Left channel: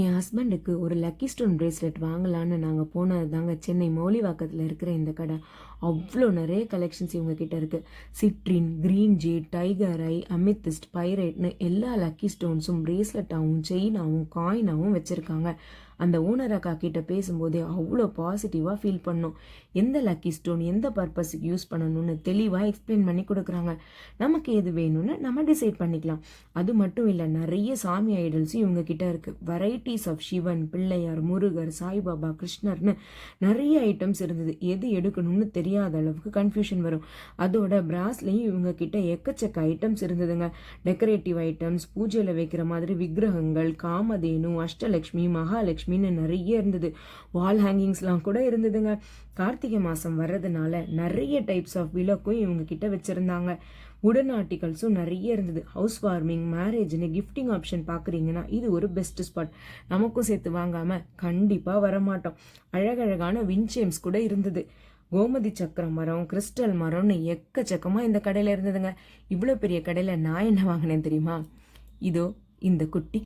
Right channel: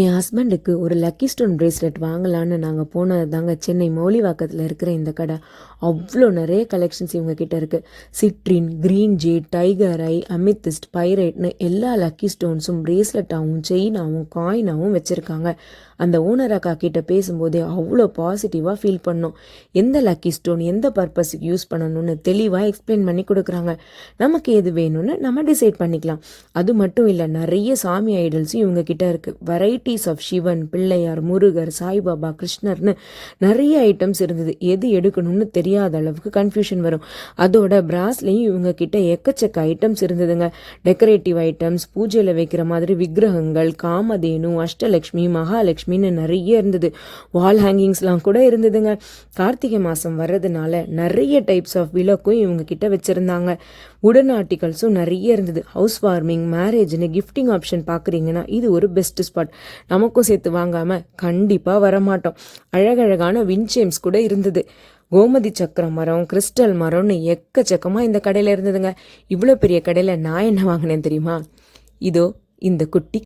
என் ஹஸ்பண்டுக்கு ஒரு lucky stone bracelet வாங்கலான்னு நாங்கள் போனது தாங்க சென்னை மௌலிவாக்கத்தில் இருக்கிற இந்த கடை. அவ்வளோ நிறைய கலெக்ஷன்ஸ் இவங்க கிட்ட இருக்குது. சிட்ரின், க்ரீன் ஜேட், டைகர் ஐ, அமித்திஸ்ட், பைரைட்னு எல்லா லக்கி ஸ்டோன்ஸும் பிரேஸ்லெட்டாகவும் செயினாகவும் காயினாகவும் வச்சுருக்காங்க. அந்த ஓனர் அக்கா கிட்ட பேசும்போதே அவ்வளோ பாசிட்டிவாக ஃபீல் பண்ணோம். எந்த லக்கி ஸ்டோன் எந்த பர்பஸுக்கு யூஸ் பண்ணணும்னு தெளிவாக எக்ஸ்பிளைன் பண்ணி கொடுக்குறாங்க. நமக்கு எது வேணும்னு நம்ம டிசைட் பண்ணிக்கலாம். அது மட்டும் இல்லை, நிறைய சாமி ஐடல்ஸும் இவங்க கிட்ட இருக்குது. வெரைட்டிஸ் ஆஃப் சிவன், பிள்ளையார், முருகர், சாய்பாபா, கிருஷ்ணர்னு நிறைய ஐட்டம்ஸ் இருந்தது. எது எடுக்கணும்னு தெரியாத அளவுக்கு கன்ஃபியூஷன் வரும். அதோட பிராஸ்லேயும் இவங்க கிட்ட எக்கச்சக்க ஐட்டம்ஸ் இருந்ததுங்க. டெக்கரேட்டிவ் ஐட்டம்ஸ், பூஜையில் வைக்கிற மாதிரி விக்கிரகங்கள், காமதேனு, அஷ்டலக்ஷ்மி, மகாலட்சுமின்னு நிறைய இருந்தது. வால் ஹேங்கிங்ஸ்லாம் கூட இருந்ததுங்க. கார்த்திகை மாதம் வர்றதுனால நிறைய டைப்ஸ் ஆஃப் விளக்கும் இவங்க கிட்ட வச்சுருந்தாங்க. உடன் ஆர்டிகல்ஸும் நிறைய இருந்தது. ஹவுஸ் வார்மிங், மேரேஜ்னு கிஃப்டிங் ஆப்ஷன் பார்க்குறீங்கன்னா இது ஒரு பெஸ்ட் ஸ்பாட். நமக்கும் சேர்த்து வாங்காமல் கண்டிப்பாக வரமாட்டோம். அழகழகான வின்சேம்ஸ் கூட இருந்தது. கோமதி சக்கர மரம், கிறிஸ்டல் மரம்னு எக்கச்சக்கமாக இந்த கடையில் இருந்ததுங்க. இவ்வளோ பெரிய கடையில் நான் என்ன வாங்கினேன் தெரியுமா? இதோ இந்த குட்டி